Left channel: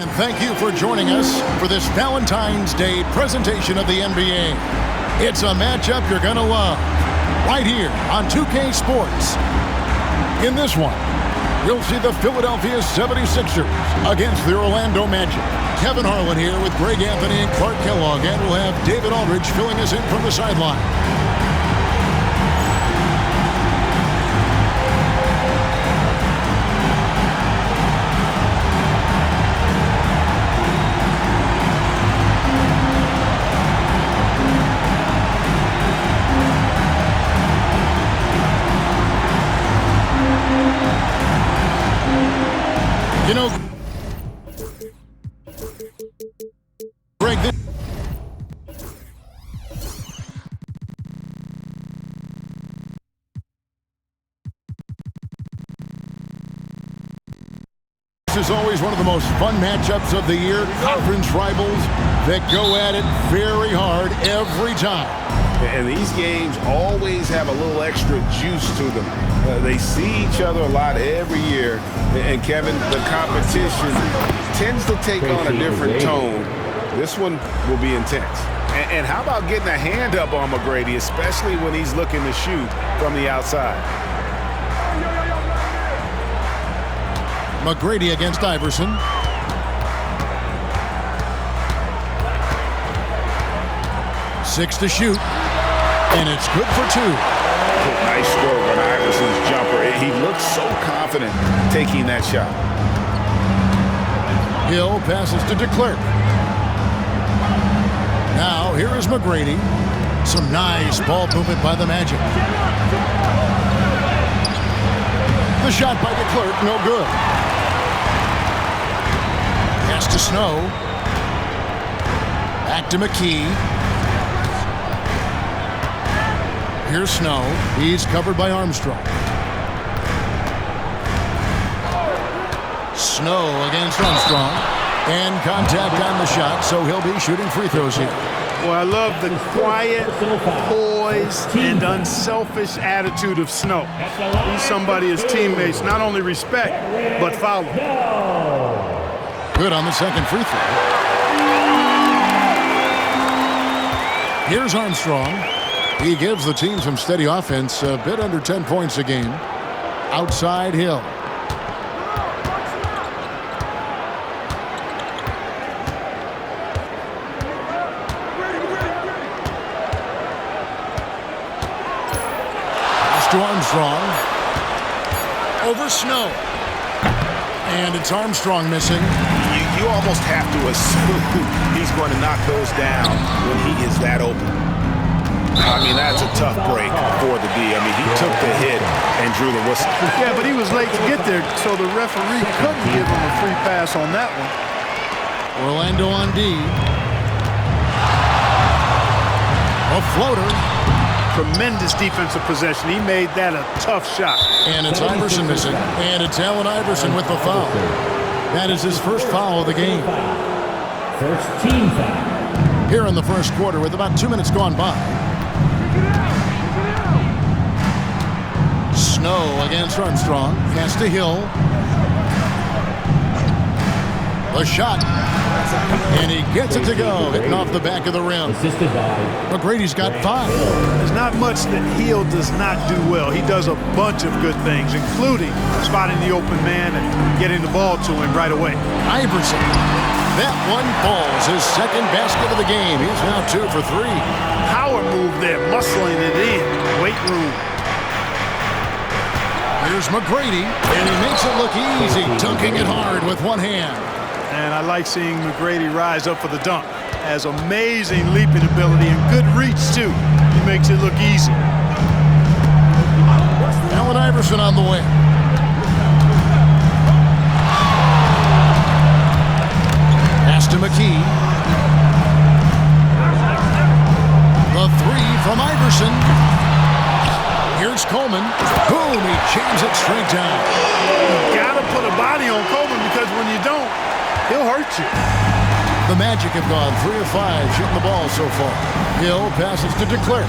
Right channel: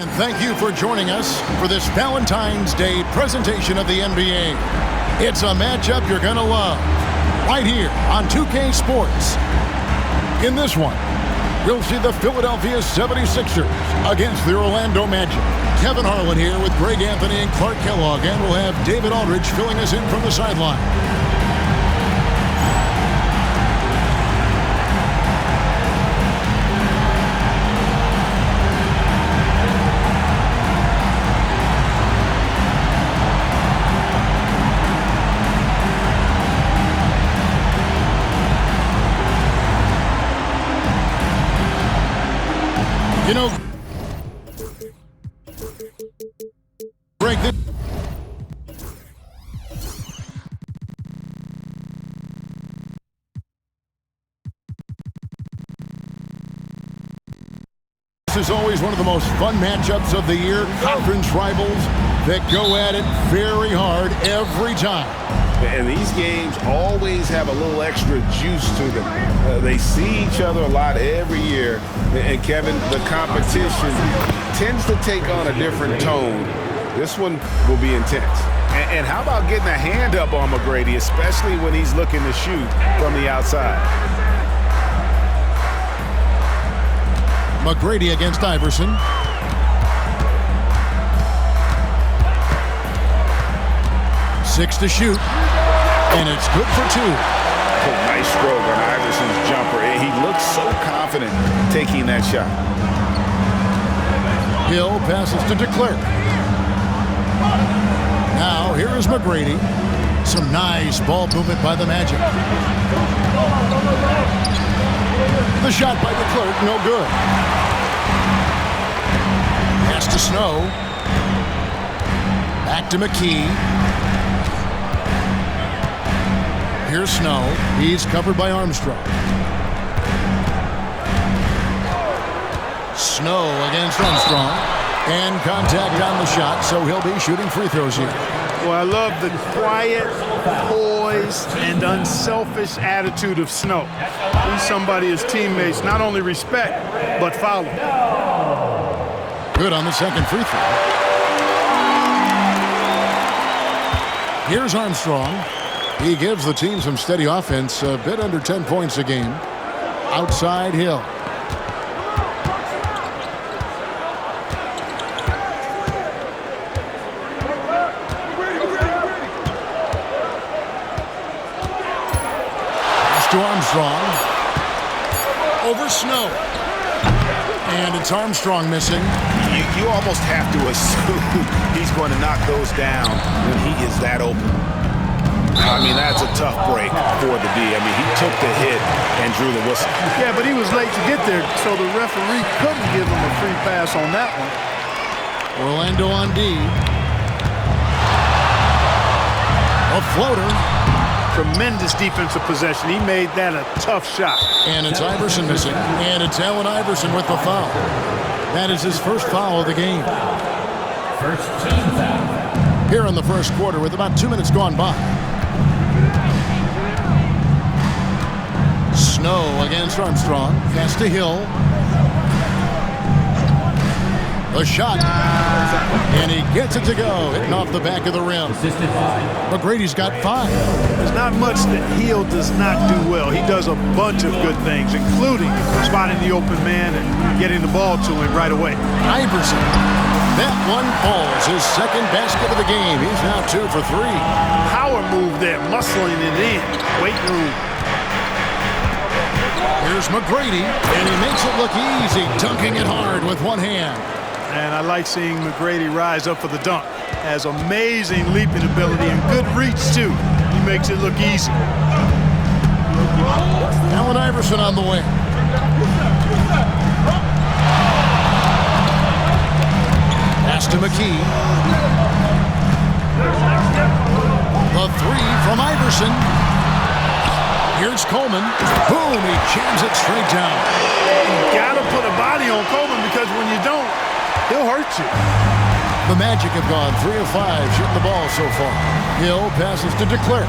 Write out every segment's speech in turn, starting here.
And thank you for joining us for this Valentine's Day presentation of the NBA. It's a matchup you're going to love, right here on 2K Sports. In this one, we'll see the Philadelphia 76ers against the Orlando Magic. Kevin Harlan here with Greg Anthony and Clark Kellogg, and we'll have David Aldridge filling us in from the sideline. You know, Greg, this is always one of the most fun matchups of the year. Conference rivals that go at it very hard every time. And these games always have a little extra juice to them. They see each other a lot every year. And, Kevin, the competition tends to take on a different tone. This one will be intense. And how about getting a hand up on McGrady, especially when he's looking to shoot from the outside? McGrady against Iverson. Six to shoot. And it's good for two. Oh, nice stroke on Iverson's jumper. He looks so confident taking that shot. Hill passes to DeClerc. Now, here is McGrady. Some nice ball movement by the Magic. The shot by DeClerc, no good. Pass to Snow. Back to McKee. Here's Snow. He's covered by Armstrong. Snow against Armstrong. And contact on the shot, so he'll be shooting free throws here. Well, I love the quiet, poised, and unselfish attitude of Snow. He's somebody his teammates not only respect, but follow. Good on the second free throw. Here's Armstrong. He gives the team some steady offense, a bit under 10 points a game. Outside Hill. Pass to Armstrong. Over Snow. And it's Armstrong missing. You almost have to assume he's going to knock those down when he is that open. I mean, that's a tough break for the D. I mean, he took the hit and drew the whistle. Yeah, but he was late to get there, so the referee couldn't give him a free pass on that one. Orlando on D. A floater. Tremendous defensive possession. He made that a tough shot. And it's Iverson missing. And it's Allen Iverson with the foul. That is his first foul of the game. First team foul. Here in the first quarter with about 2 minutes gone by. Snow against Armstrong. Pass to Hill. The shot. And he gets it to go. Hitting off the back of the rim. McGrady's got 5. There's not much that Hill does not do well. He does a bunch of good things, including spotting the open man and getting the ball to him right away. Iverson. That one falls. His second basket of the game. He's now 2 for 3. Power move there, muscling it in. Weight room. Here's McGrady, and he makes it look easy, dunking it hard with one hand. And I like seeing McGrady rise up for the dunk. Has amazing leaping ability and good reach, too. He makes it look easy. Allen Iverson on the wing. Pass to McKee. The 3 from Iverson. Here's Coleman. Boom, he jams it straight down. You gotta put a body on Coleman because when you don't, he'll hurt you. The Magic have gone 3 of 5 shooting the ball so far. Hill passes to DeClerc.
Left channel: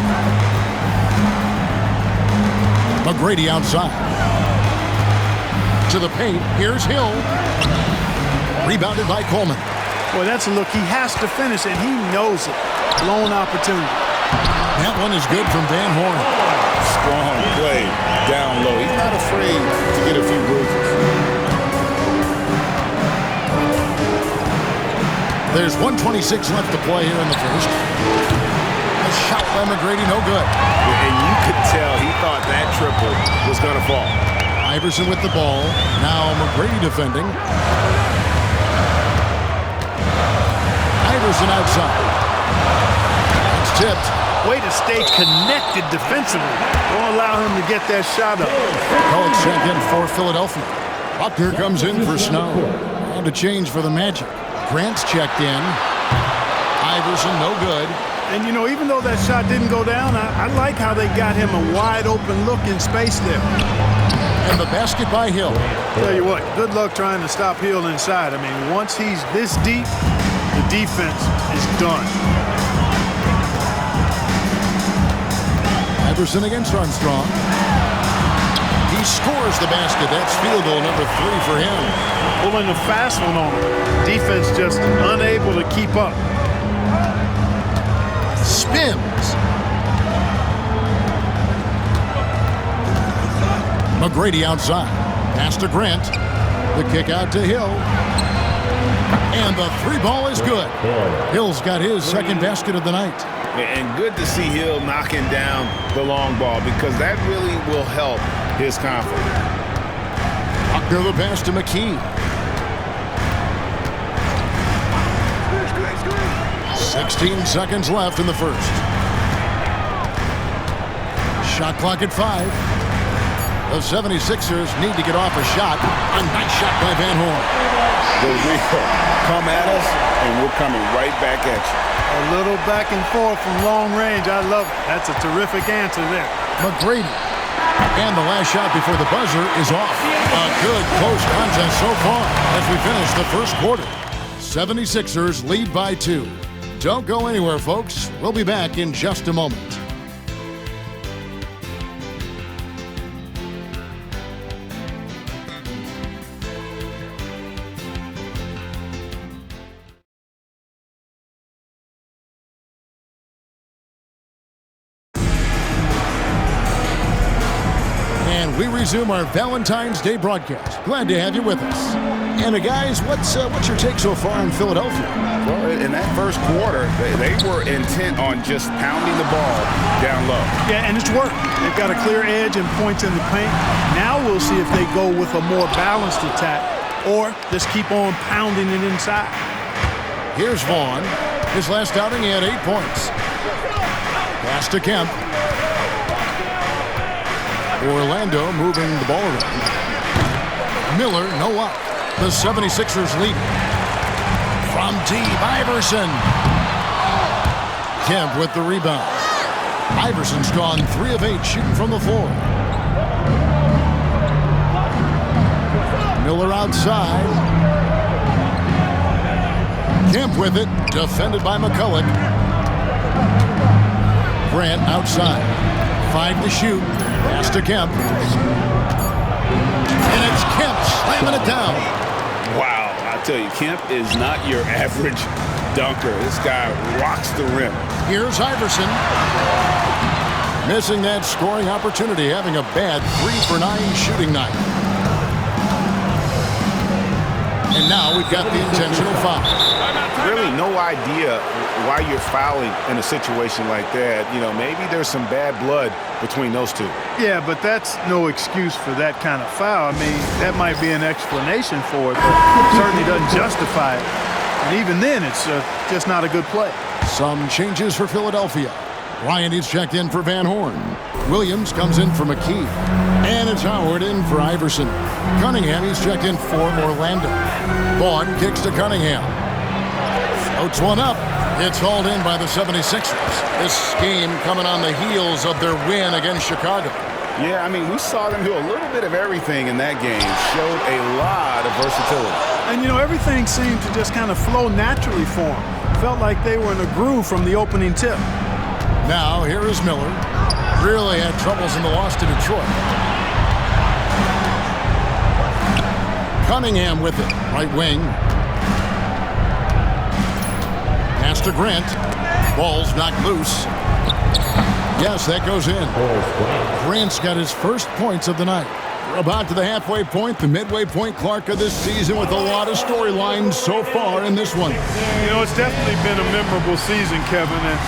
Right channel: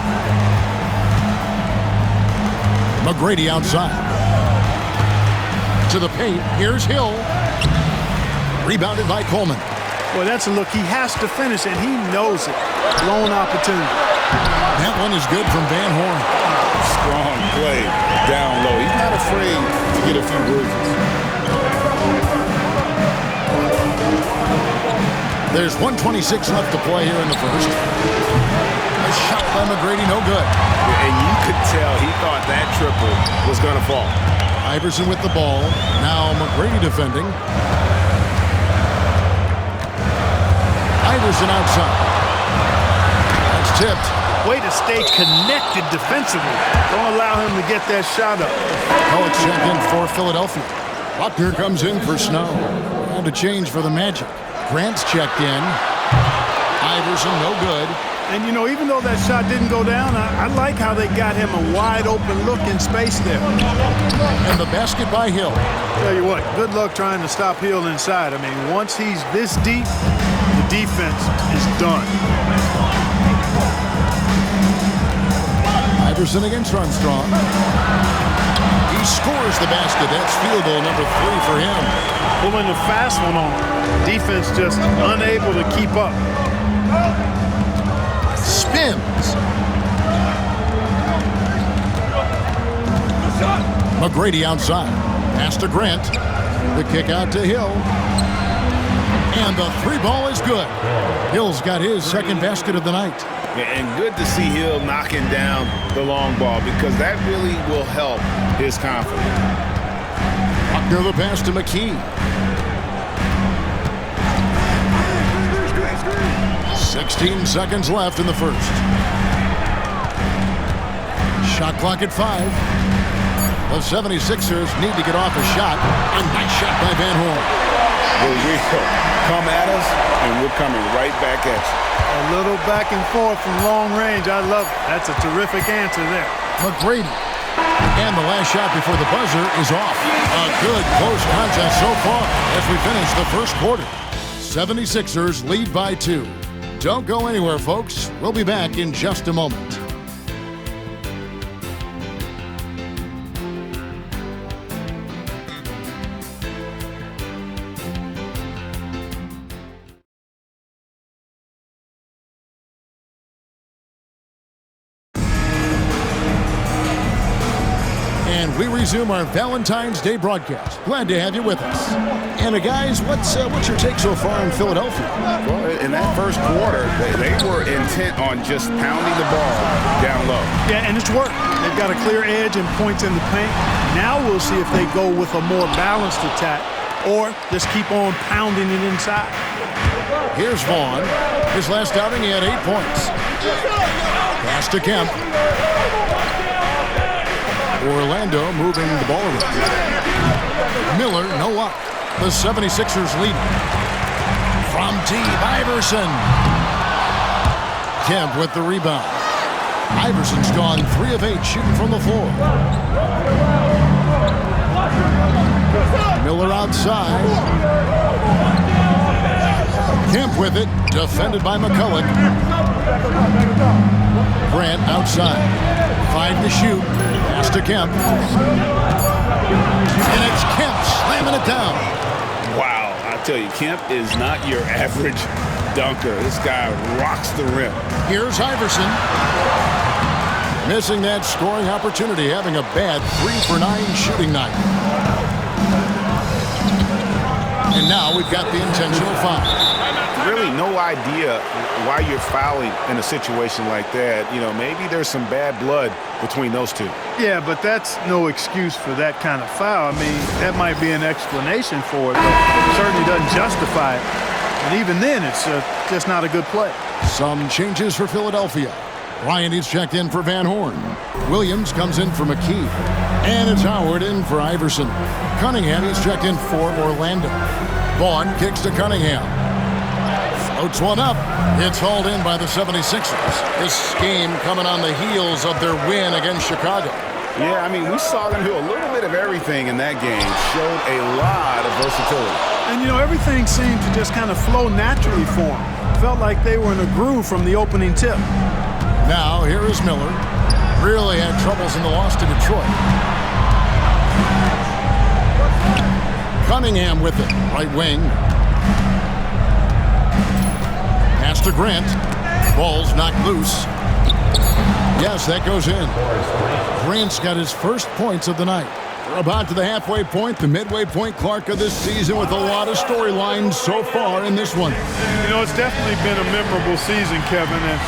McGrady outside. To the paint. Here's Hill. Rebounded by Coleman. Boy, that's a look he has to finish, and he knows it. Blown opportunity. That one is good from Van Horn. Strong play down low. He's not afraid to get a few bruises. There's 1:26 left to play here in the first. A shot by McGrady, no good. And you could tell he thought that triple was going to fall. Iverson with the ball. Now McGrady defending. Iverson outside. That's tipped. Way to stay connected defensively. Don't allow him to get that shot up. College check in for Philadelphia. Buckner comes in for Snow. And a change for the Magic. Grant's checked in. Iverson, no good. And, you know, even though that shot didn't go down, I like how they got him a wide-open look in space there. And the basket by Hill. Tell you what, good luck trying to stop Hill inside. I mean, once he's this deep, the defense is done. Iverson against Armstrong. He scores the basket. That's field goal number 3 for him. Pulling the fast one on him. Defense just unable to keep up. Spins. McGrady outside. Pass to Grant. The kick out to Hill. And the 3 ball is good. Hill's got his second basket of the night. And good to see Hill knocking down the long ball because that really will help his confidence. Buckner the pass to McKee. 16 seconds left in the first. Shot clock at 5. The 76ers need to get off a shot. A nice shot by Van Horn. The real come at us, and we're coming right back at you. A little back and forth from long range. I love it. That's a terrific answer there. McGrady. And the last shot before the buzzer is off. A good close contest so far as we finish the first quarter. 76ers lead by 2. Don't go anywhere, folks. We'll be back in just a moment. And we resume our Valentine's Day broadcast. Glad to have you with us. And guys, what's your take so far on Philadelphia? Well, in that first quarter, they were intent on just pounding the ball down low. Yeah, and it's worked. They've got a clear edge and points in the paint. Now we'll see if they go with a more balanced attack or just keep on pounding it inside. Here's Vaughn. His last outing, he had 8 points. Pass to Kemp. Orlando moving the ball around. Miller, no luck. The 76ers leading. From deep, Iverson. Kemp with the rebound. Iverson's gone 3 of 8 shooting from the floor. Miller outside. Kemp with it, defended by McCulloch. Grant outside. 5 to shoot. Pass to Kemp. And it's Kemp slamming it down. Wow, I tell you, Kemp is not your average dunker. This guy rocks the rim. Here's Iverson. Missing that scoring opportunity, having a bad 3 for 9 shooting night. And now we've got the intentional foul. Really no idea why you're fouling in a situation like that. You know, maybe there's some bad blood between those two. Yeah, but that's no excuse for that kind of foul. I mean, that might be an explanation for it, but certainly doesn't justify it. And even then, it's just not a good play. Some changes for Philadelphia. Ryan is checked in for Van Horn. Williams comes in for McKee. And it's Howard in for Iverson. Cunningham is checked in for Orlando. Vaughn kicks to Cunningham. Floats one up. It's hauled in by the 76ers. This game coming on the heels of their win against Chicago. Yeah, I mean, we saw them do a little bit of everything in that game. Showed a lot of versatility. And, you know, everything seemed to just kind of flow naturally for them. Felt like they were in a groove from the opening tip. Now, here is Miller. Really had troubles in the loss to Detroit. Cunningham with it. Right wing. Pass to Grant. Ball's knocked loose. Yes, that goes in. Grant's got his first points of the night. We're about to the halfway point, the midway point Clark of this season, with a lot of storylines so far in this one. You know, it's definitely been a memorable season, Kevin, and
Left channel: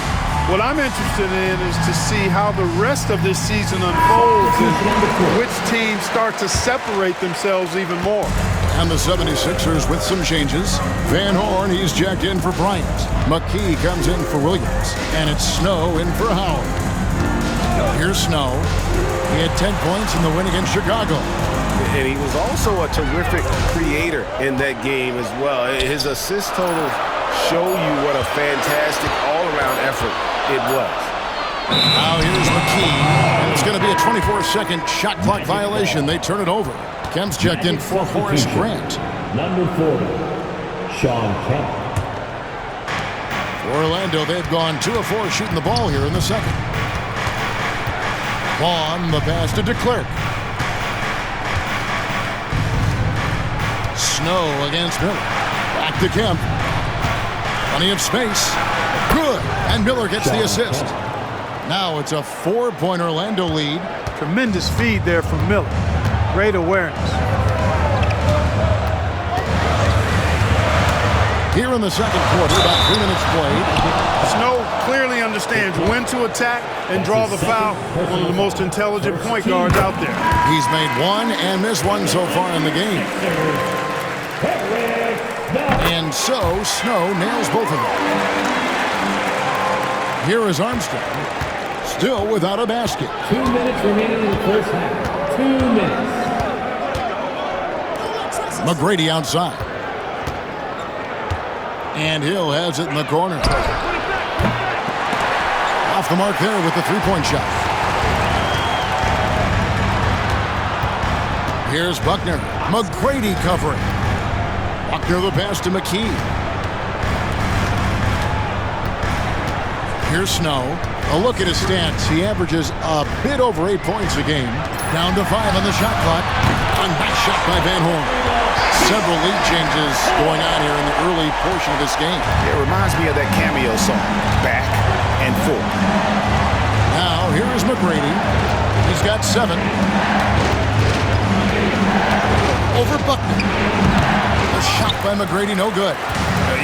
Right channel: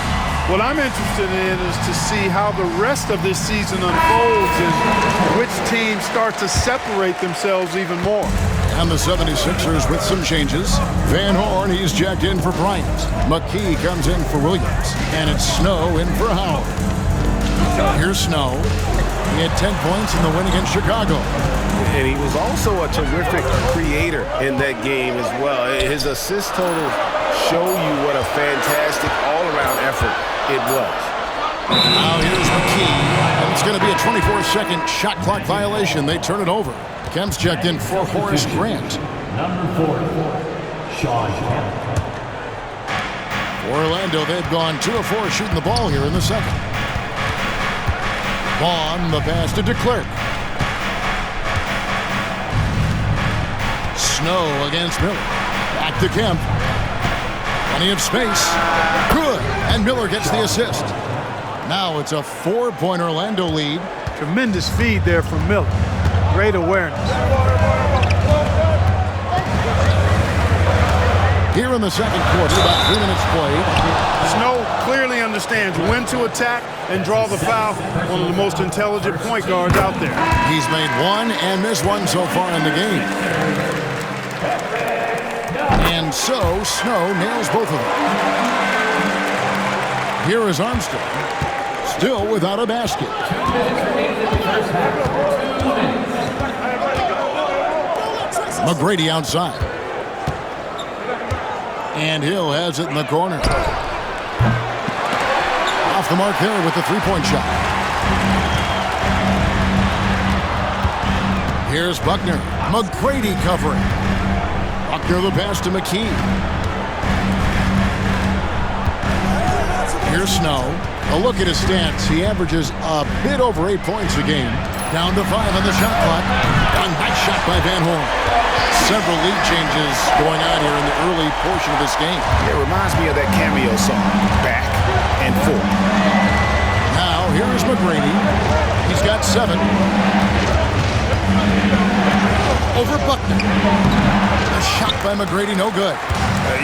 what I'm interested in is to see how the rest of this season unfolds and which teams start to separate themselves even more. And the 76ers with some changes. Van Horn, he's jacked in for Bryant. McKee comes in for Williams. And it's Snow in for Howard. Here's Snow. He had 10 points in the win against Chicago. And he was also a terrific creator in that game as well. His assist total show you what a fantastic all-around effort it was. Now here's McKee, and it's going to be a 24-second shot clock violation. They turn it over. Kemp's checked in for Horace Grant. Number 40, Sean Kemp. For Orlando, they've gone 2 of 4 shooting the ball here in the second. Vaughn, the pass to DeClerc. Snow against Miller. Back to Kemp. Plenty of space. Good. And Miller gets the assist. Now it's a 4-point Orlando lead. Tremendous feed there from Miller. Great awareness. Here in the second quarter, about 3 minutes played. Snow clearly understands when to attack and draw the foul. One of the most intelligent point guards out there. He's made one and missed one so far in the game. And so Snow nails both of them. Here is Armstrong, still without a basket. 2 minutes remaining in the first half. 2 minutes. McGrady outside. And Hill has it in the corner. Off the mark there with the three-point shot. Here's Buckner. McGrady covering. Buckner the pass to McKee. Here's Snow. A look at his stats. He averages a bit over 8 points a game. Down to 5 on the shot clock. A nice shot by Van Horn. Several lead changes going on here in the early portion of this game. It reminds me of that cameo song, Back and Forth. Now, here is McGrady. He's got 7. Over Buckner. A shot by McGrady, no good.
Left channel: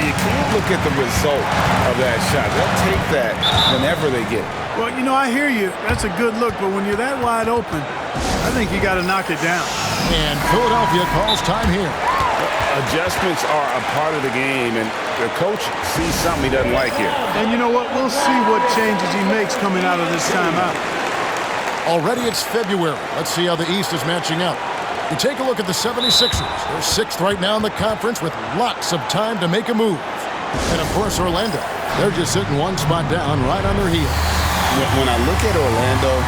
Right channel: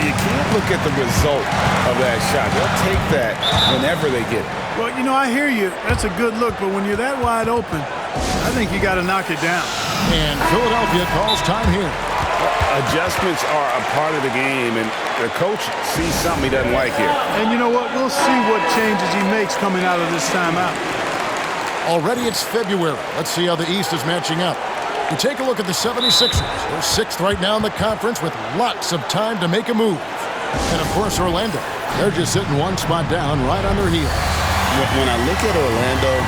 You can't look at the result of that shot. They'll take that whenever they get it. Well, you know, I hear you. That's a good look, but when you're that wide open, I think you got to knock it down. And Philadelphia calls time here. Adjustments are a part of the game, and the coach sees something he doesn't like here. And you know what? We'll see what changes he makes coming out of this timeout. Already it's February. Let's see how the East is matching up. You take a look at the 76ers. They're 6th right now in the conference with lots of time to make a move. And, of course, Orlando. They're just sitting one spot down right on their heels. When I look at Orlando,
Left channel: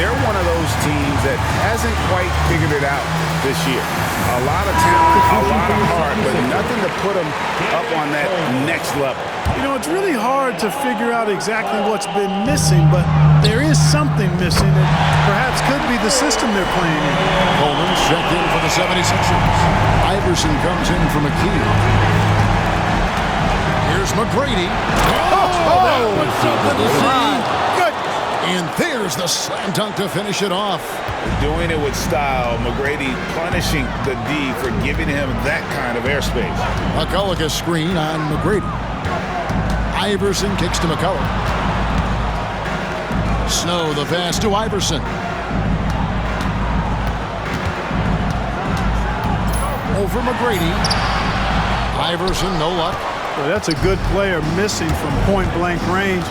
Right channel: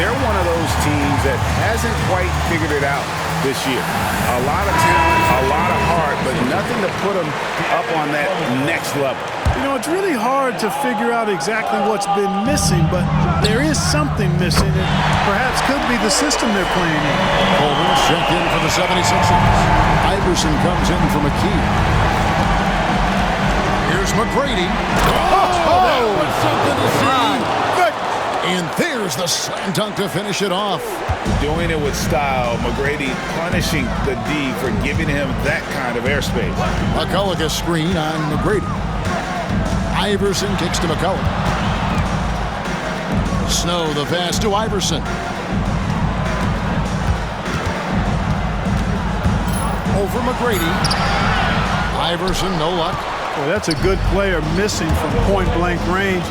they're one of those teams that hasn't quite figured it out this year. A lot of talent, a lot of heart, but nothing to put them up on that next level. You know, it's really hard to figure out exactly what's been missing, but there is something missing that perhaps could be the system they're playing in. Coleman's checked in for the 76ers. Iverson comes in for McKee. Here's McGrady. Oh, that was something to see. Good. And there's the slam dunk to finish it off. Doing it with style. McGrady punishing the D for giving him that kind of airspace. McCulloch a screen on McGrady. Iverson kicks to McCulloch. Snow the pass to Iverson. Over McGrady. Iverson, no luck. Well, that's a good player missing from point-blank range.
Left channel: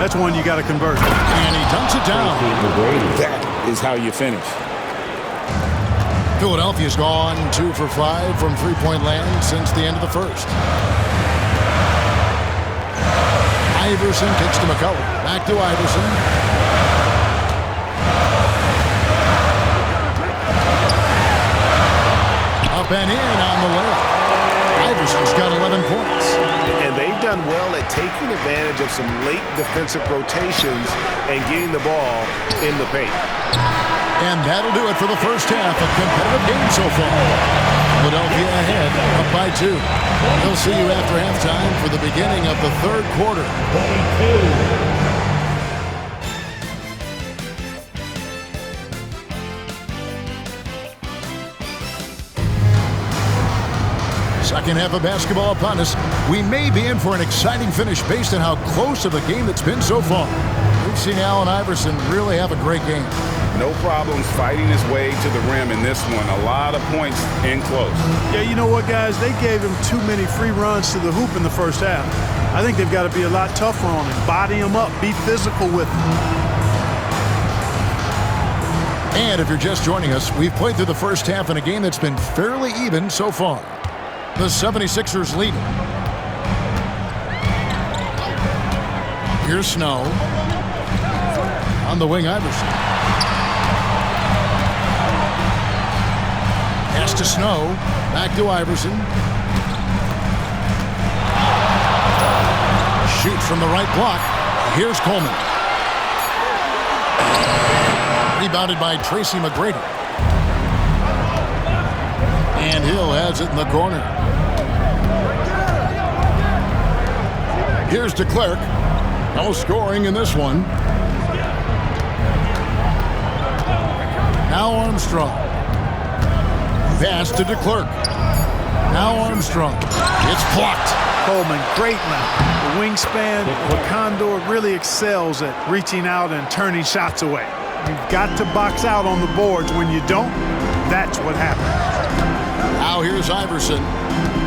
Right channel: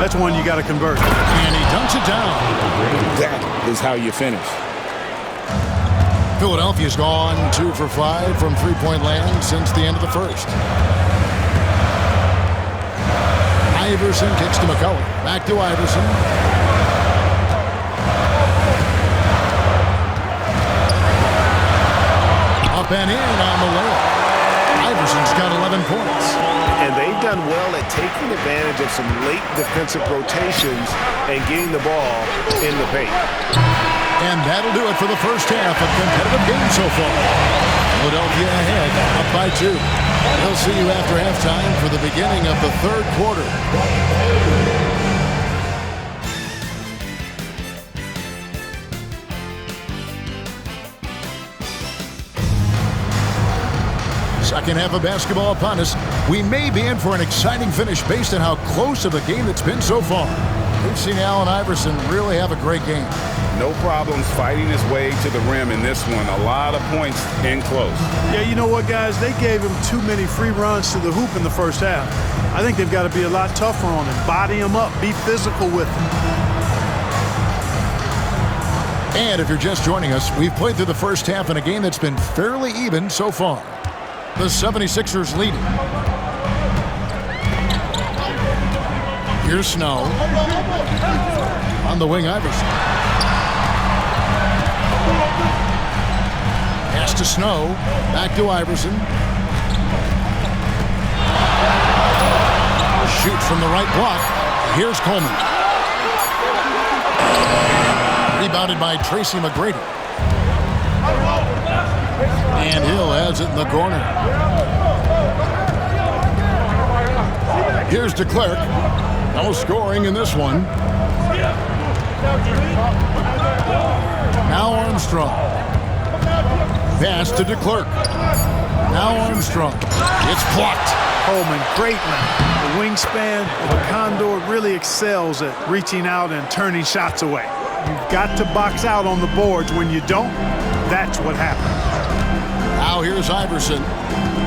That's one you got to convert. And he dunks it down. That is how you finish. Philadelphia's gone 2 for 5 from three-point land since the end of the first. Iverson kicks to McCulloch. Back to Iverson. Up and in on the layup. Iverson's got 11 points. And they've done well at taking advantage of some late defensive rotations and getting the ball in the paint. And that'll do it for the first half. A competitive game so far. Philadelphia ahead, up by 2. We'll see you after halftime for the beginning of the third quarter. Second half of basketball upon us. We may be in for an exciting finish based on how close of a game that's been so far. We've seen Allen Iverson really have a great game. No problems fighting his way to the rim in this one. A lot of points in close. Yeah, you know what, guys? They gave him too many free runs to the hoop in the first half. I think they've got to be a lot tougher on him. Body him up. Be physical with him. And if you're just joining us, we've played through the first half in a game that's been fairly even so far. The 76ers leading. Here's Snow. On the wing, Iverson. Pass to Snow. Back to Iverson. Shoots from the right block. Here's Coleman. Rebounded by Tracy McGrady. And Hill has it in the corner. Here's DeClerc. No scoring in this one. Now Armstrong. Pass to DeClerc. Now Armstrong. It's blocked. Coleman, great length. The wingspan of a Condor really excels at reaching out and turning shots away. You've got to box out on the boards. When you don't, that's what happens. Now here's Iverson.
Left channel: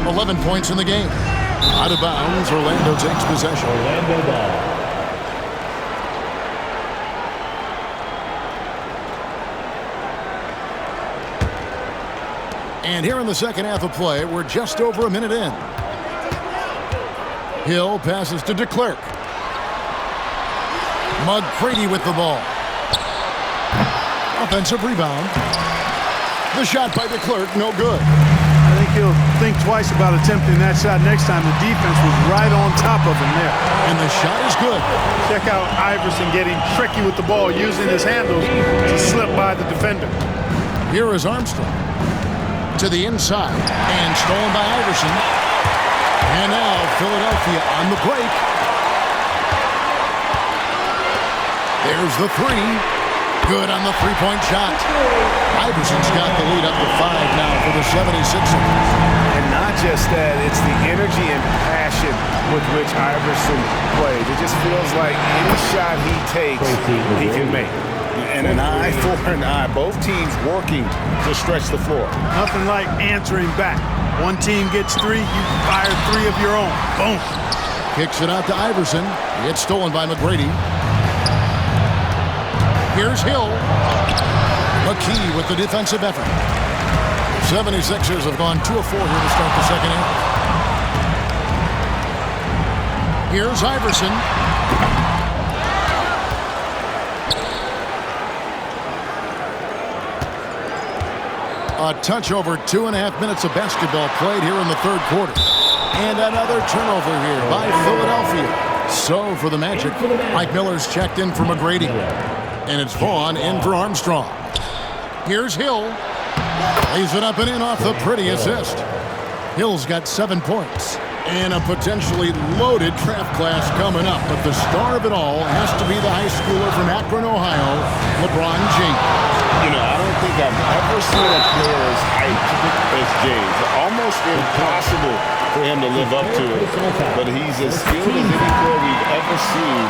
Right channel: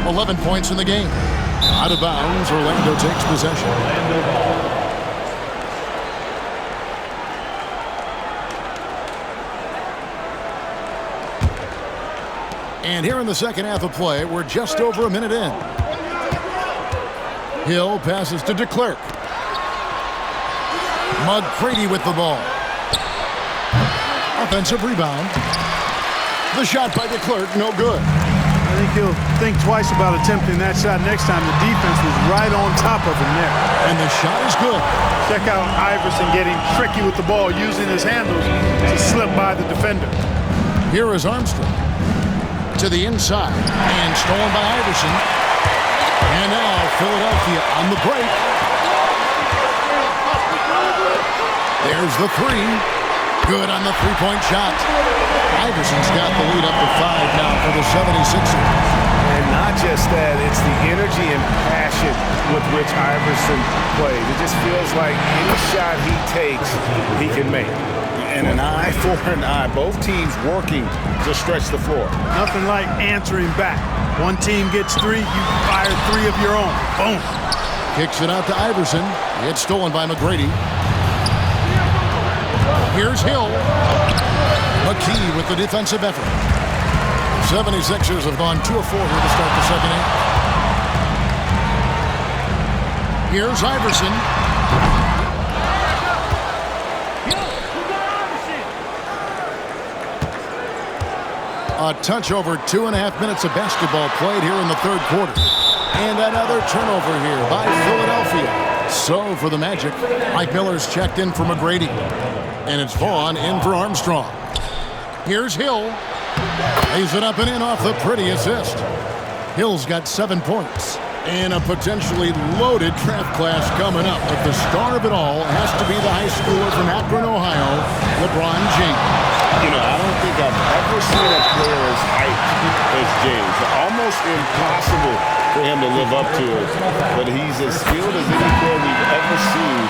11 points in the game. Out of bounds, Orlando takes possession. Orlando ball. And here in the second half of play, we're just over a minute in. Hill passes to DeClerc. McGrady with the ball. Offensive rebound. The shot by DeClerc, no good. I think he'll think twice about attempting that shot next time. The defense was right on top of him there. And the shot is good. Check out Iverson getting tricky with the ball, using his handles to slip by the defender. Here is Armstrong. To the inside. And stolen by Iverson. And now Philadelphia on the break. There's the three. Good on the three-point shot. Iverson's got the lead up to 5 now for the 76ers. And not just that, it's the energy and passion with which Iverson plays. It just feels like any shot he takes, he can make. And an eye for an eye. Both teams working to stretch the floor. Nothing like answering back. One team gets 3, you fire 3 of your own. Boom. Kicks it out to Iverson. It's stolen by McGrady. Here's Hill. McKee with the defensive effort. 76ers have gone 2 of 4 here to start the second half. Here's Iverson. A touch over 2.5 minutes of basketball played here in the third quarter. And another turnover here by Philadelphia. So for the Magic, Mike Miller's checked in for McGrady. And it's Vaughn in for Armstrong. Here's Hill. Lays it up and in off the pretty assist. Hill's got 7 points. And a potentially loaded draft class coming up. But the star of it all has to be the high schooler from Akron, Ohio, LeBron James. You know, I don't think I've ever seen a player as hyped as James. Almost impossible for him to live up to it. But he's as skilled as any player we've ever seen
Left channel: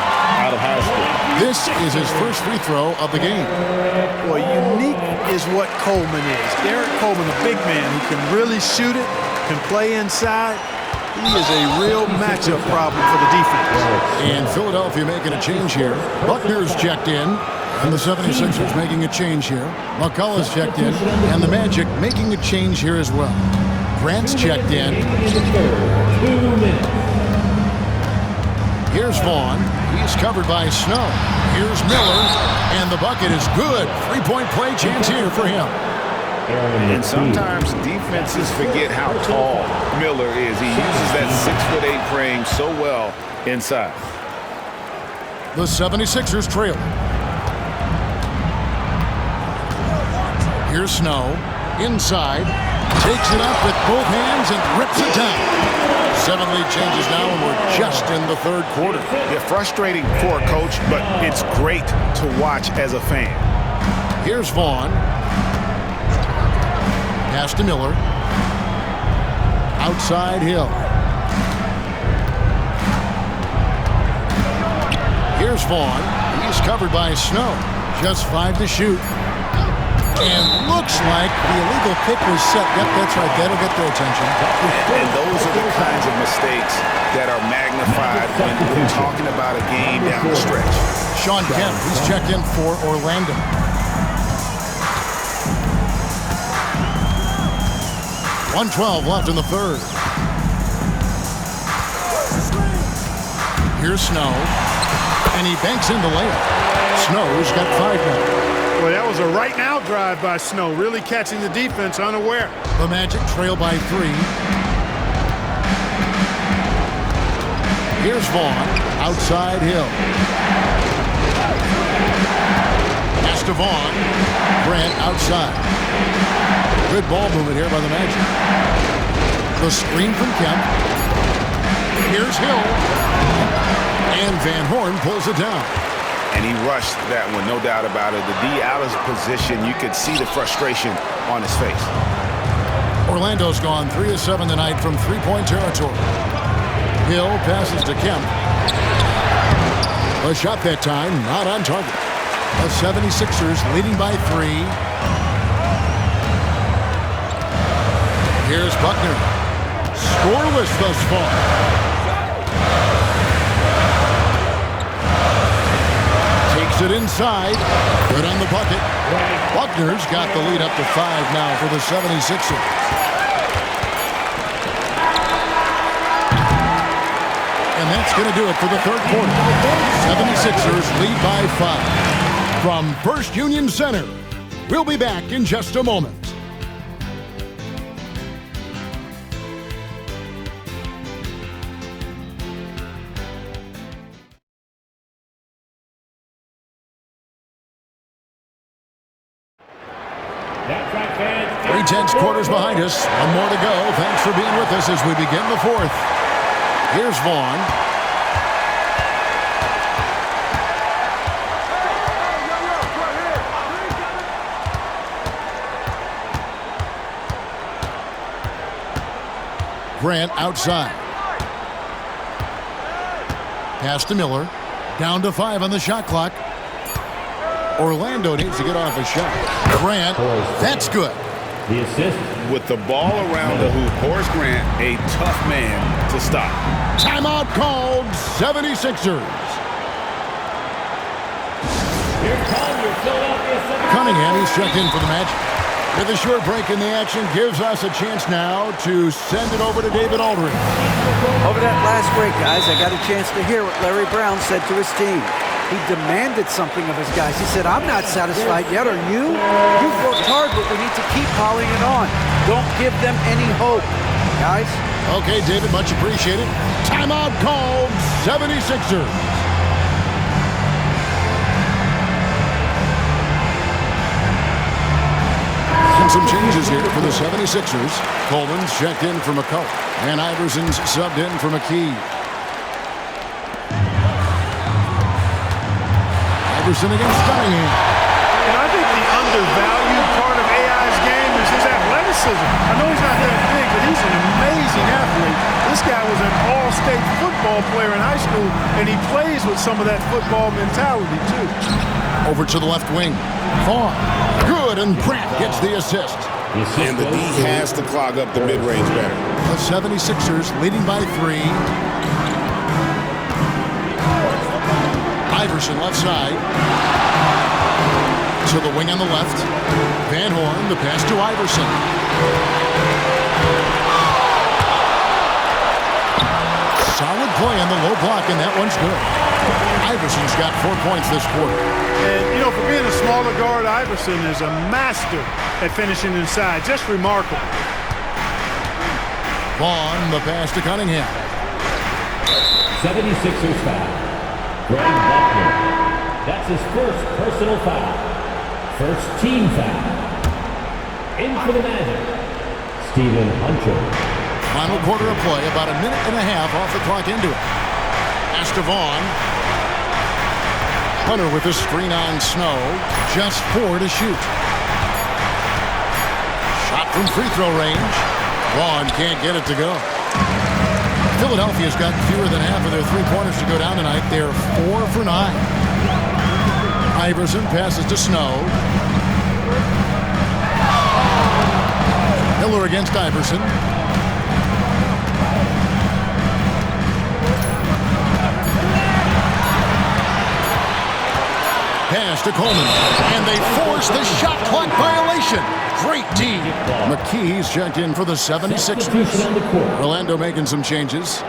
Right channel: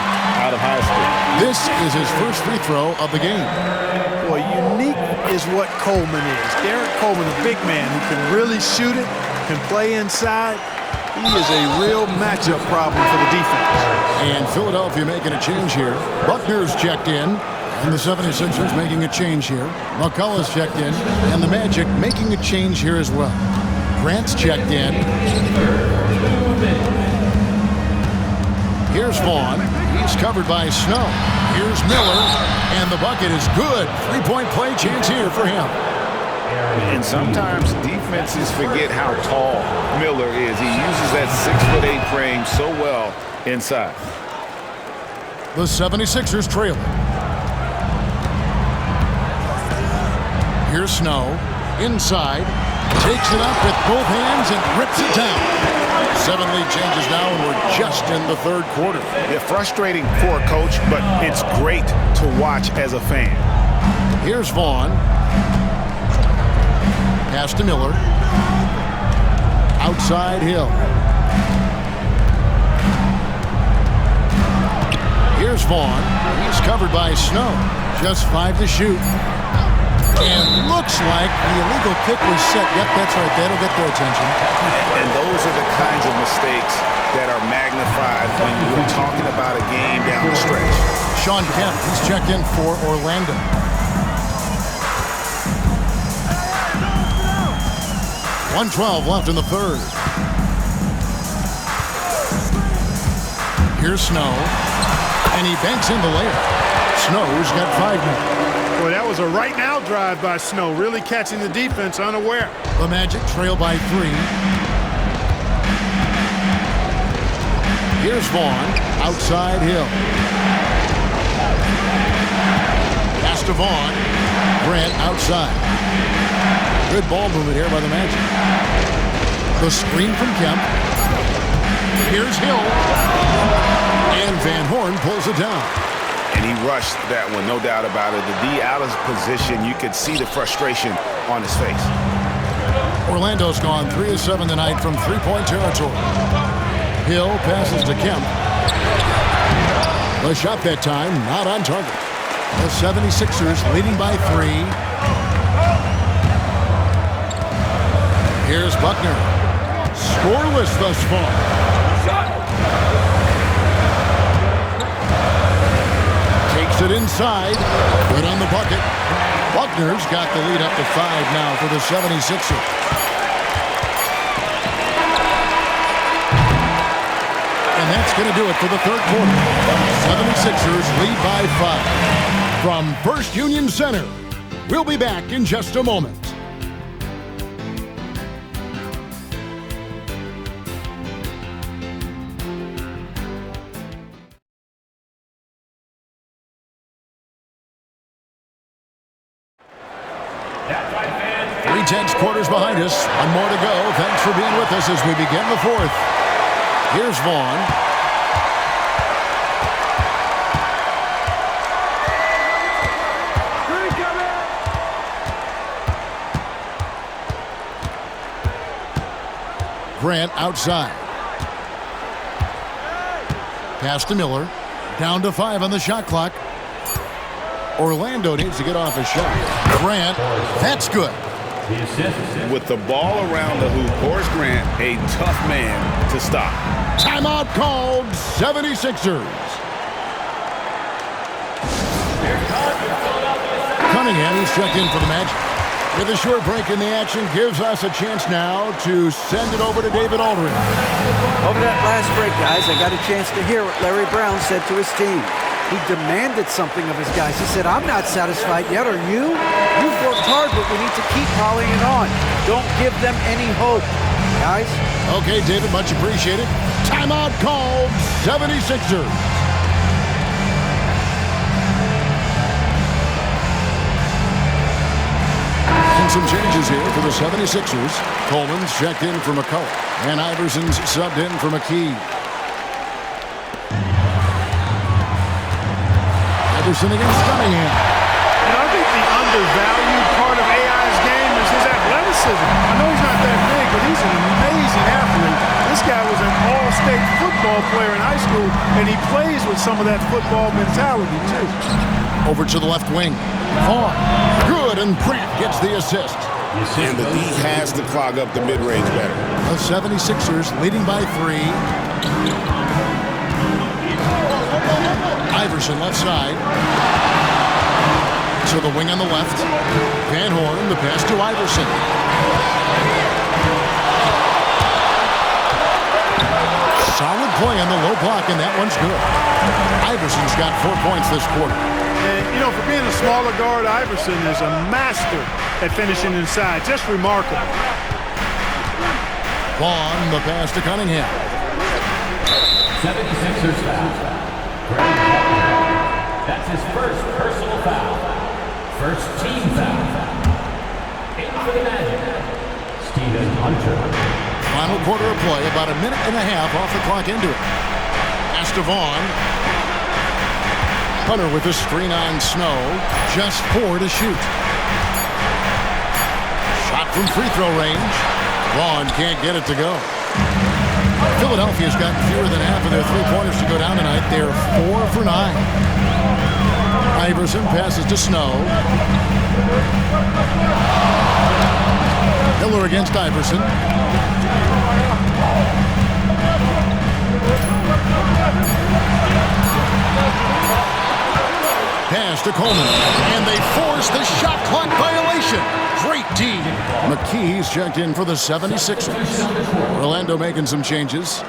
out of high school. This is his first free throw of the game. Boy, unique is what Coleman is. Derek Coleman, a big man who can really shoot it, can play inside. He is a real matchup problem for the defense. And Philadelphia making a change here. Buckner's checked in. And the 76ers making a change here. McCullough's checked in. And the Magic making a change here as well. Grant's checked in. Here's Vaughn. He's covered by Snow. Here's Miller. And the bucket is good. 3-point play chance here for him. And sometimes defenses forget how tall Miller is. He uses that 6'8" frame so well inside. The 76ers trailing. Here's Snow. Inside. Takes it up with both hands and rips it down. 7 lead changes now, and we're just in the third quarter. Yeah, frustrating for a coach, but it's great to watch as a fan. Here's Vaughn. Pass to Miller. Outside Hill. Here's Vaughn. He's covered by Snow. Just 5 to shoot. And looks like the illegal pick was set. Yep, that's right. That'll get their attention. And those are the kinds of mistakes that are magnified when we're talking about a game down the stretch. Sean Kemp, he's checked in for Orlando. .112 left in the third. Here's Snow. And he banks in the layup. Snow's got 5 now. Boy, that was a right now drive by Snow, really catching the defense unaware. The Magic trail by 3. Here's Vaughn, outside Hill. Pass to Vaughn. Grant outside. Good ball movement here by the Magic. The screen from Kemp. Here's Hill. And Van Horn pulls it down. And he rushed that one, no doubt about it. The D out of position, you could see the frustration on his face. Orlando's gone 3 of 7 tonight from three-point territory. Hill passes to Kemp. The shot that time, not on target. The 76ers leading by 3. Here's Buckner. Scoreless thus far. Takes it inside. Good on the bucket. Buckner's got the lead up to 5 now for the 76ers. And that's going to do it for the third quarter. 76ers lead by 5. From First Union Center, we'll be back in just a moment. That's right, fans. 3 tenths quarters behind us. 1 more to go. Thanks for being with us as we begin the fourth. Here's Vaughn. Grant outside. Pass to Miller. Down to 5 on the shot clock. Orlando needs to get off a shot. Grant, that's good. The assist. With the ball around the hoop, Horace Grant, a tough man to stop. Timeout called, 76ers. Cunningham, he's checked in for the Magic. With a short break in the action, gives us a chance now to send it over to David Aldridge. Over that last break, guys, I got a chance to hear what Larry Brown said to his team. He demanded something of his guys. He said, I'm not satisfied yet, are you? You've worked hard, but we need to keep piling it on. Don't give them any hope, guys. Okay, David, much appreciated. Timeout called, 76ers. And some changes here for the 76ers. Coleman's checked in for McCullough, and Iverson's subbed in for McKee. Iverson against Cunningham. And I think the undervalued part of AI's game is his athleticism. I know he's not that big, but he's an amazing athlete. This guy was an all-state football player in high school, and he plays with some of that football mentality, too. Over to the left wing. Vaughn. Good, and Pratt gets the assist. And the D has to clog up the mid-range better. The 76ers leading by 3. Iverson left side. To the wing on the left. Van Horn, the pass to Iverson. Solid play on the low block, and that one's good. Iverson's got 4 points this quarter. And, you know, for being a smaller guard, Iverson is a master at finishing inside. Just remarkable. Vaughn, the pass to Cunningham. 76ers foul. Greg Buckner. That's his first personal foul. First team foul. In for the Magic, Stephen Hunter. Final quarter of play, about a minute and a half off the clock into it. Pass to Vaughn. Hunter with a screen on Snow. Just 4 to shoot. Shot from free throw range. Vaughn can't get it to go. Philadelphia's gotten fewer than half of their three-pointers to go down tonight. They're 4 for 9. Iverson passes to Snow. Miller against Iverson. Pass to Coleman. And they force the shot clock violation. Great D. McKee's checked in for the 76ers. Orlando making some changes.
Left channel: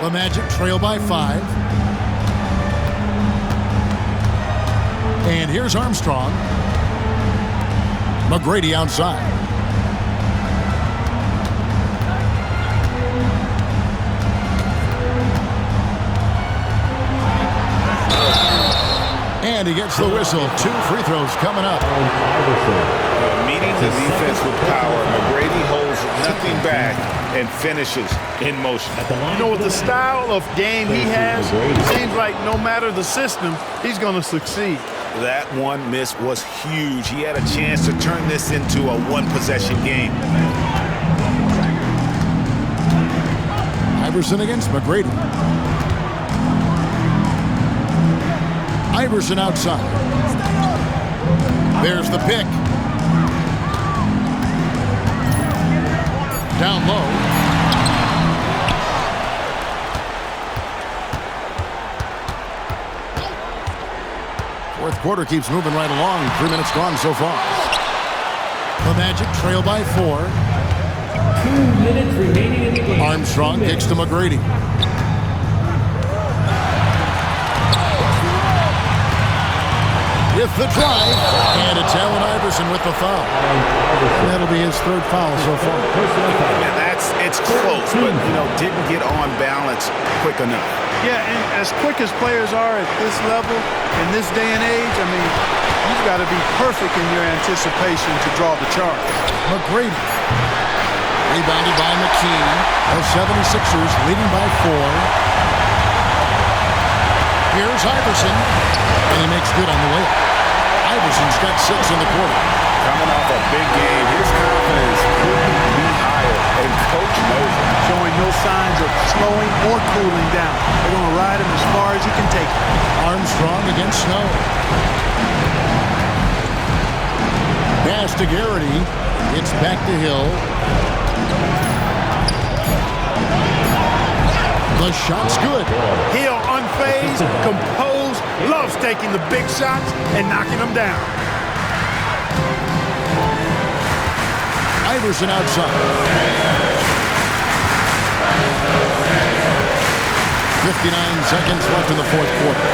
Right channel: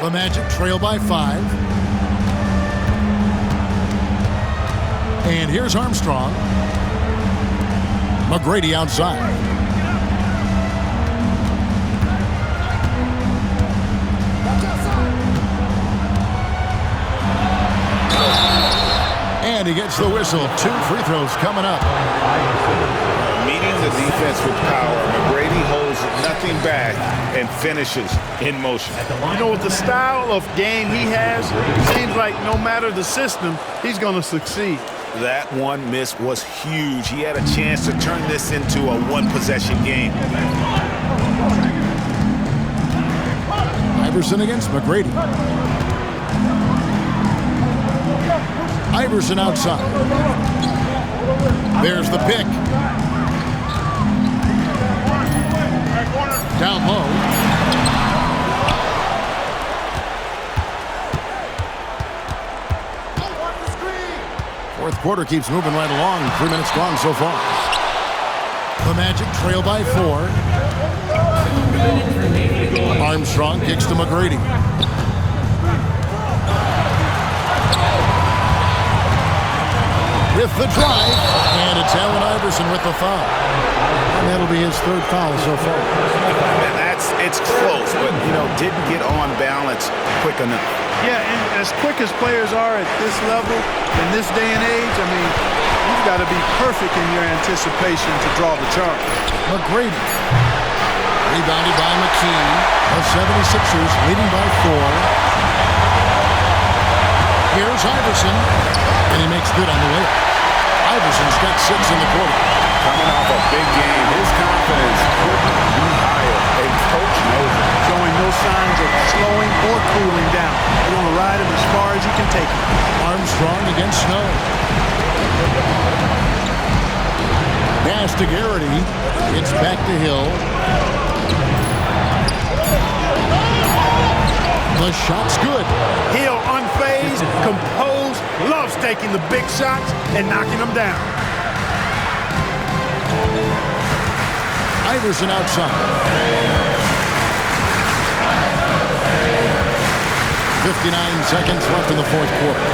The Magic trail by 5. And here's Armstrong. McGrady outside. And he gets the whistle. 2 free throws coming up. Meeting the defense with power, McGrady holds nothing back and finishes in motion. You know, with the style of game he has, it seems like no matter the system, he's going to succeed. That one miss was huge. He had a chance to turn this into a one-possession game. Iverson against McGrady. Iverson outside. There's the pick. Down low. Fourth quarter keeps moving right along. 3 minutes gone so far. The Magic trail by 4. 2 minutes remaining. Armstrong kicks to McGrady. With the drive, and it's Allen Iverson with the foul. And that'll be his 3rd foul so far. Man, it's close, but, didn't get on balance quick enough. Yeah, and as quick as players are at this level, in this day and age, I mean, you've got to be perfect in your anticipation to draw the charge. McGrady. Rebounded by McKee. The 76ers leading by 4. Here's Iverson. And he makes good on the layup. Iverson's got 6 in the quarter. Coming off a big game, his confidence couldn't be higher, and Coach knows it. Showing no signs of slowing or cooling down. They're going to ride him as far as he can take him. Armstrong against Snow. Pass to Garrity. It's back to Hill. The shot's good. Hill unfazed, composed, loves taking the big shots and knocking them down. Iverson outside. 59 seconds left in the 4th quarter.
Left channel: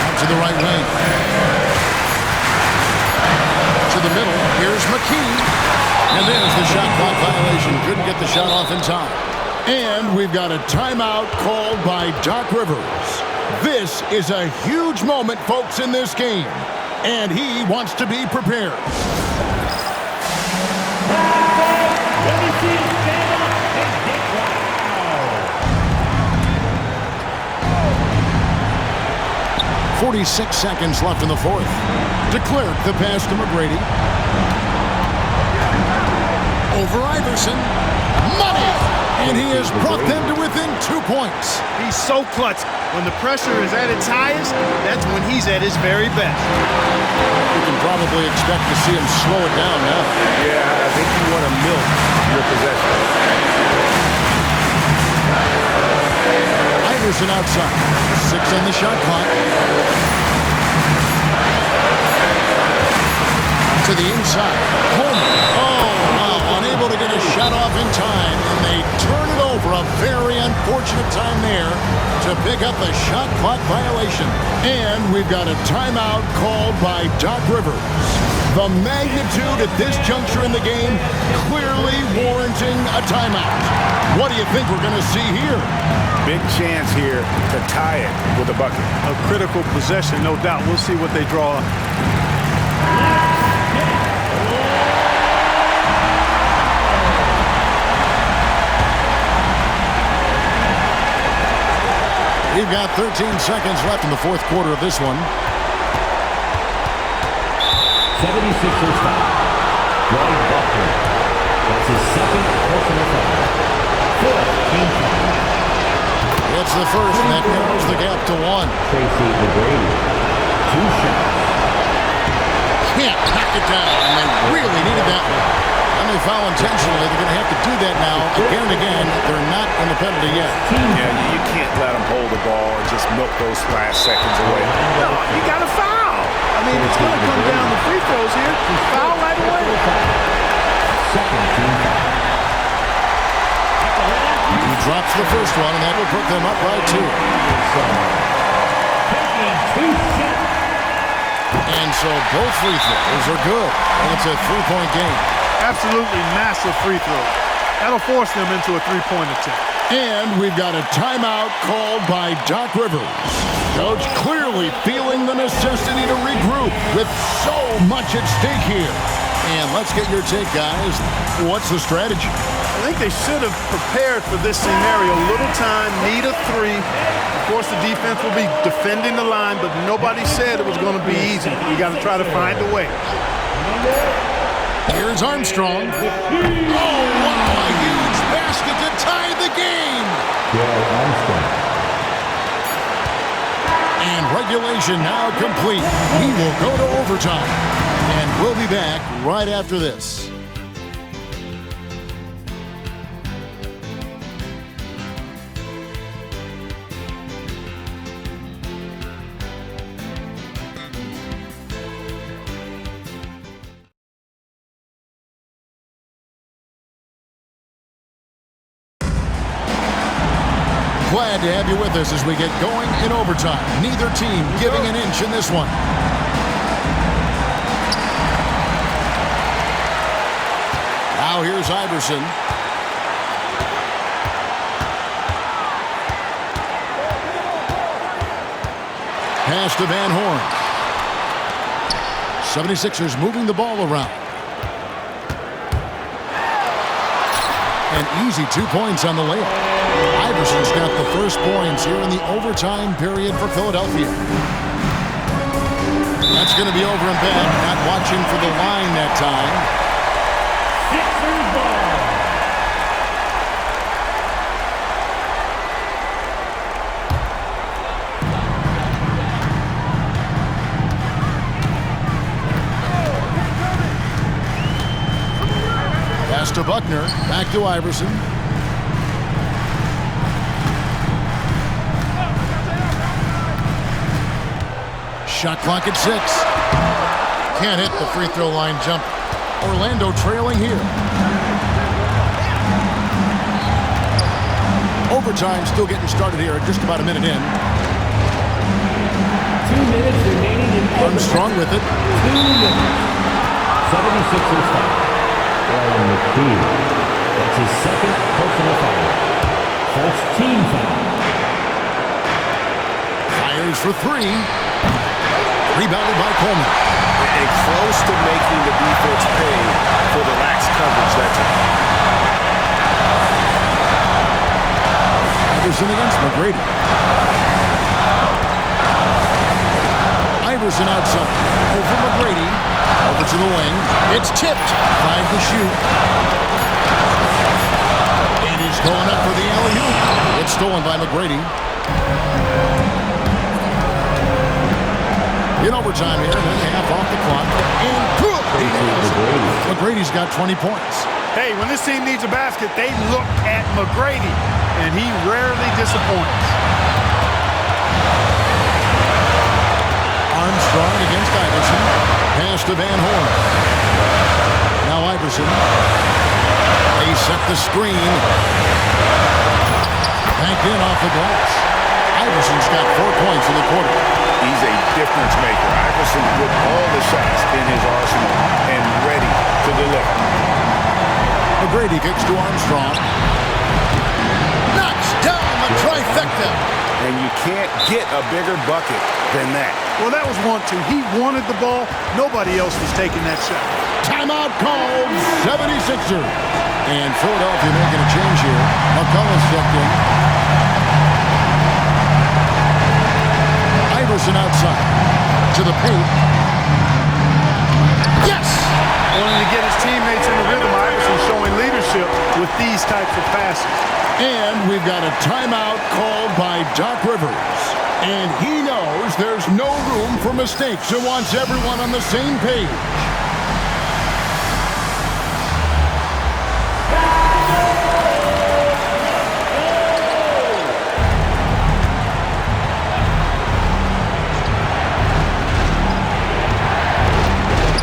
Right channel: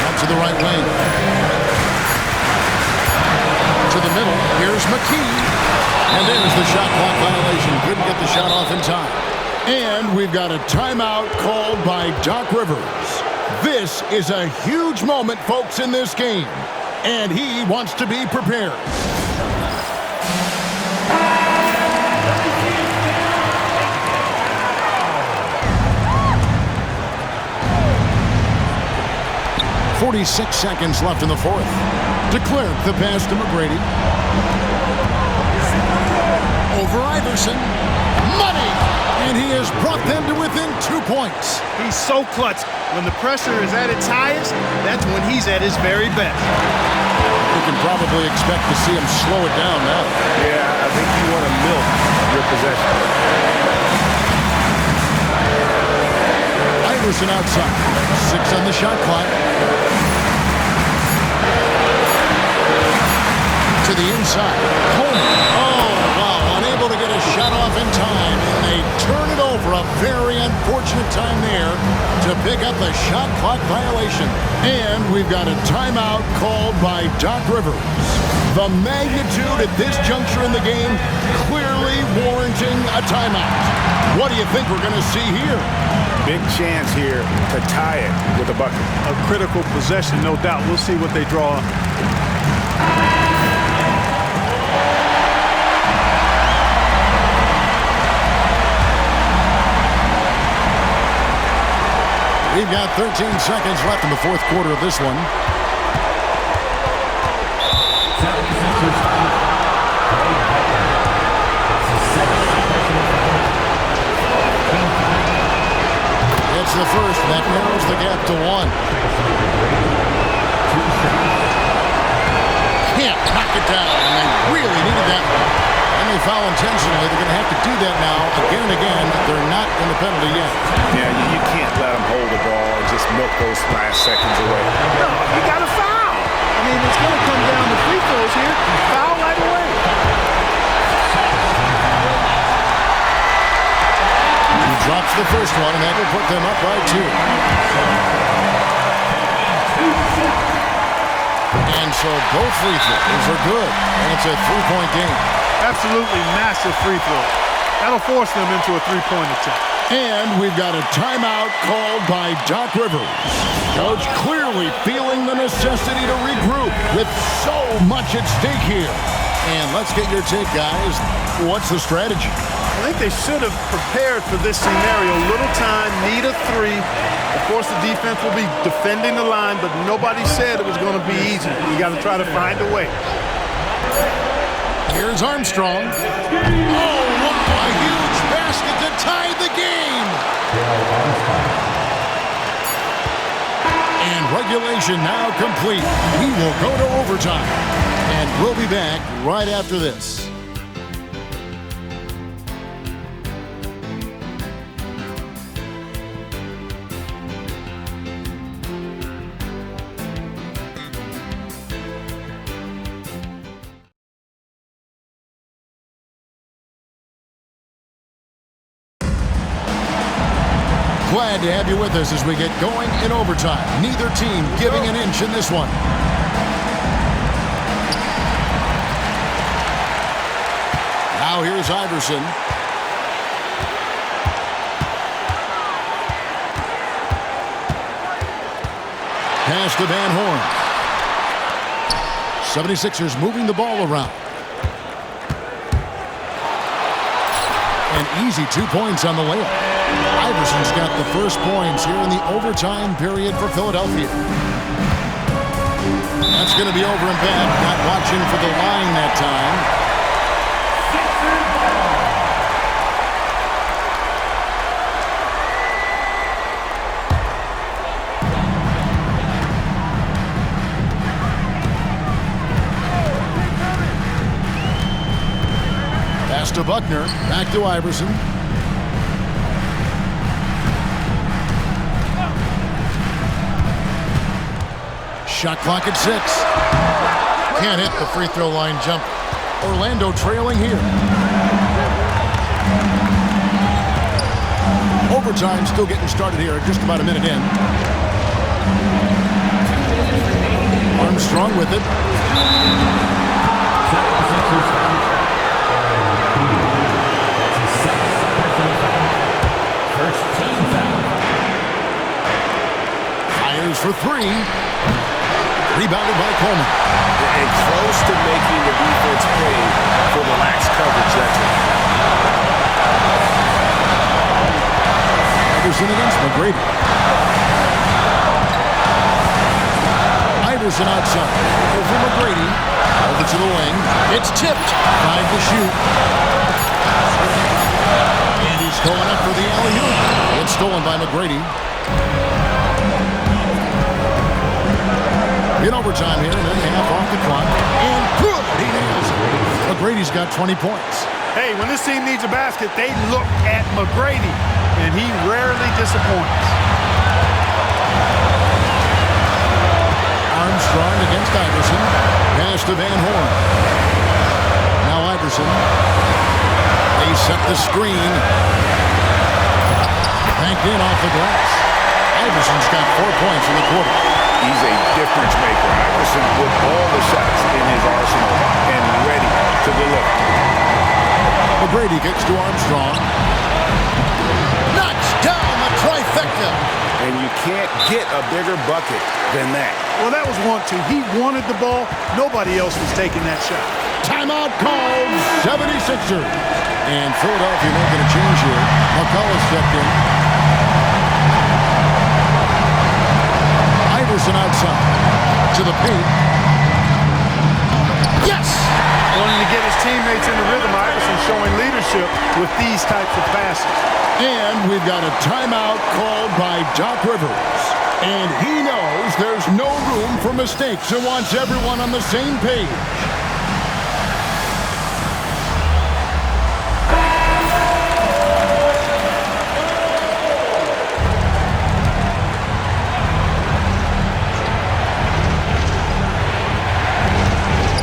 Out to the right wing. To the middle. Here's McKee. And there's the shot clock violation. Couldn't get the shot off in time. And we've got a timeout called by Doc Rivers. This is a huge moment, folks, in this game. And he wants to be prepared. Let me see you stand up and get wow. 46 seconds left in the 4th. DeClerc the pass to McGrady. Over Iverson. Money! And he has brought them to within 2 points. He's so clutch. When the pressure is at its highest, that's when he's at his very best. You can probably expect to see him slow it down now. Yeah, I think you want to milk your possession. Iverson outside. 6 on the shot clock. To the inside. Coleman. Oh, wow. Unable to get a shot off in time. And they turn it over. A very unfortunate time there to pick up a shot clock violation. And we've got a timeout called by Doc Rivers. The magnitude at this juncture in the game clearly warranting a timeout. What do you think we're going to see here? Big chance here to tie it with a bucket. A critical possession, no doubt. We'll see what they draw. We've got 13 seconds left in the fourth quarter of this one. 76ers foul. Greg Buckner. That's his second personal foul. Team foul. It's the first, and that narrows the gap to 1. Tracy McGrady. 2 shots. Can't knock it down, and they really needed that one. And they foul intentionally. They're going to have to do that now again and again. They're not in the penalty yet. Yeah, you can't let them hold the ball and just milk those last seconds away. No, you got to foul. I mean, it's going to come down to free throws here. Foul right away. He drops the first one, and that will put them up by 2. And so both free throws are good, and it's a 3-point game. Absolutely massive free throw. That'll force them into a 3-point attempt. And we've got a timeout called by Doc Rivers. Coach clearly feeling the necessity to regroup with so much at stake here. And let's get your take, guys. What's the strategy? I think they should have prepared for this scenario. Little time, need a 3. Of course, the defense will be defending the line, but nobody said it was going to be easy. You got to try to find a way. Here's Armstrong. Oh, wow, a huge basket to tie the game. And regulation now complete. We will go to overtime. And we'll be back right after this. Glad to have you with us as we get going in overtime. Neither team giving an inch in this one. Now here's Iverson. Pass to Van Horn. 76ers moving the ball around. And easy 2 points on the layup. Iverson's got the first points here in the overtime period for Philadelphia. That's going to be over and back. Not watching for the line that time. Sixers ball. Pass to Buckner. Back to Iverson. Shot clock at 6. Can't hit the free throw line jump. Orlando trailing here. Overtime still getting started here. Just about a minute in. 2 minutes remaining. Armstrong with it. 2 minutes. 76ers foul. That's his second personal foul. First team foul. Fires for 3. Rebounded by Coleman. And close to making the defense pay for the lax coverage that's it. Iverson against McGrady. Iverson outside. Over McGrady. Over to the wing. It's tipped. 5 to shoot. And he's going up for the alley-oop. It's stolen by McGrady. In overtime here, a minute and a half off the clock. And good! He nails it. McGrady's got 20 points. Hey, when this team needs a basket, they look at McGrady, and he rarely disappoints. Armstrong against Iverson. Pass to Van Horn. Now Iverson. They set the screen. Banked in off the glass. Iverson's got 4 points in the quarter. He's a difference maker. Iverson with all the shots in his arsenal and ready to deliver. McGrady kicks to Armstrong. Knocks down the trifecta. And you can't get a bigger bucket than that. Well, that was 1-2. He wanted the ball. Nobody else was taking that shot. Timeout called. 76ers. And Philadelphia making a change here. McCullough's checked in. Iverson outside. To the paint. Yes! Wanting to get his teammates in the rhythm, Iverson showing leadership with these types of passes. And we've got a timeout called by Doc Rivers. And he knows there's no room for mistakes and wants everyone on the same page.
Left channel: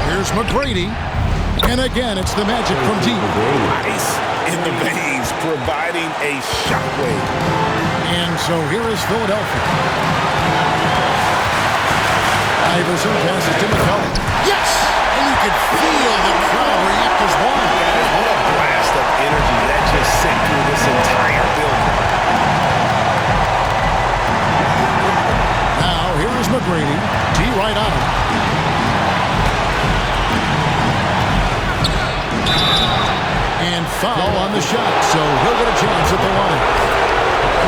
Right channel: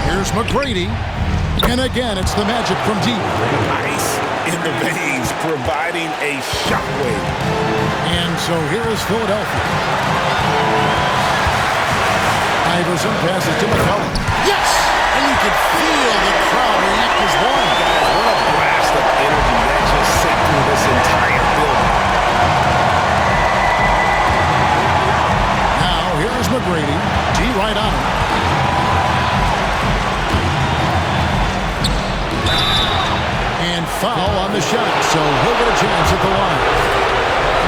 Here's McGrady. And again, it's the Magic from deep. Ice in the veins, providing a shockwave. And so here is Philadelphia. Iverson passes to McCollum. Yes! And you could feel the crowd react as one. Guys, what a blast of energy that just sent through this entire building. Now, here is McGrady. D right on him. And foul on the shot, so he'll get a chance at the line.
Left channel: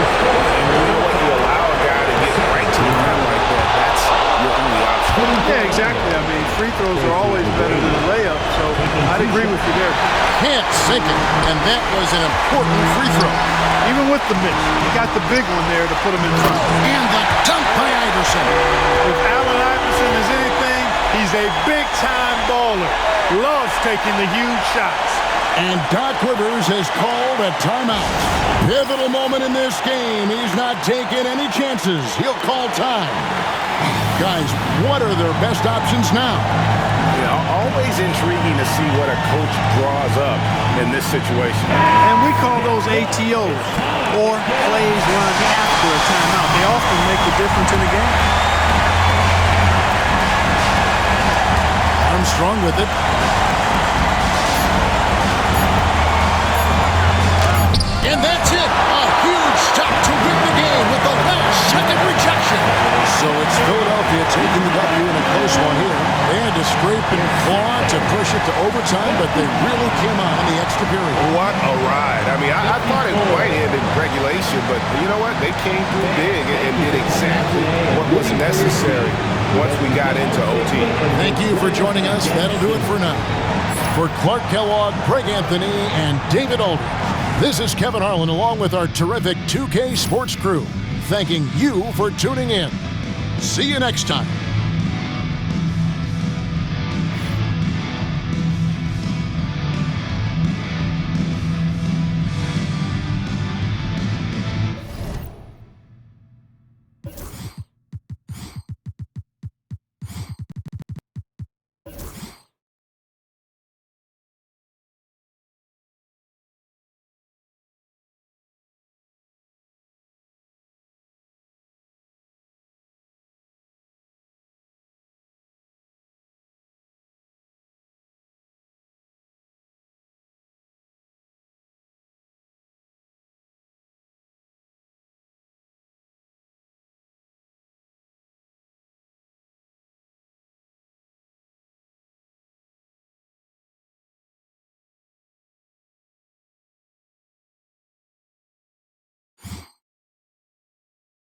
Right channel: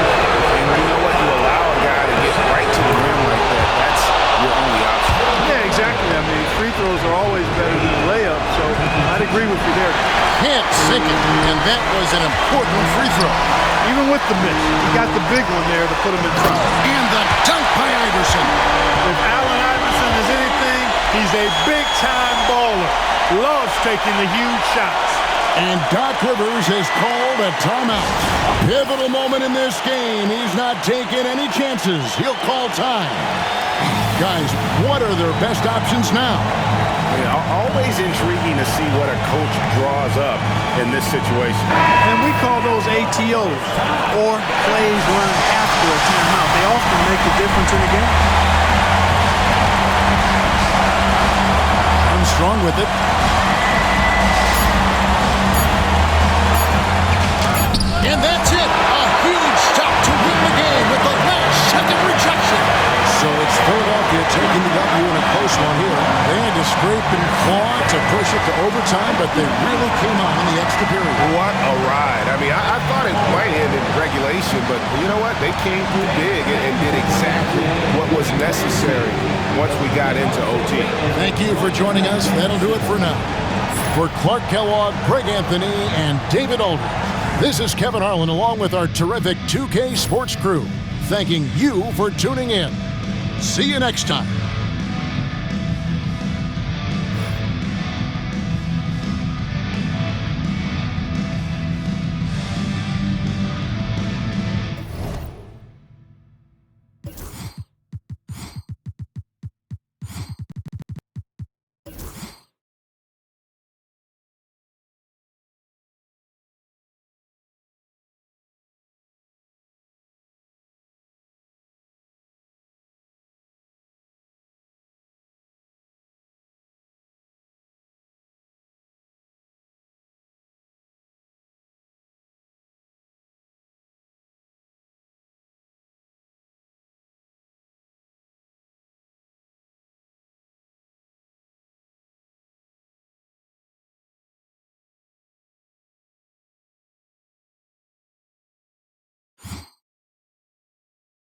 And you know what? You allow a guy to get right to the rim like that. That's your only option. Yeah, exactly. I mean, free throws are always better than a layup, so I'd agree with you there. Can't sink it, and that was an important free throw. Even with the miss, he got the big one there to put him in front. And the dunk by Iverson. If Allen Iverson is anything, he's a big-time baller. Loves taking the huge shots. And Doc Rivers has called a timeout. Pivotal moment in this game. He's not taking any chances. He'll call time. Guys, what are their best options now? Always intriguing to see what a coach draws up in this situation. And we call those ATOs, or plays run after a timeout. They often make the difference in the game. Armstrong with it. And that's it. A huge stop to win the game with the last-second rejection. So it's Philadelphia taking the W in a close one here. They had to scrape and claw to push it to overtime, but they really came on in the extra period. What a ride. I mean, I thought it might end in regulation, but you know what? They came through big and did exactly what was necessary once we got into OT. Thank you for joining us. That'll do it for now. For Clark Kellogg, Greg Anthony, and David Aldridge, this is Kevin Harlan along with our terrific 2K Sports crew, thanking you for tuning in. See you next time.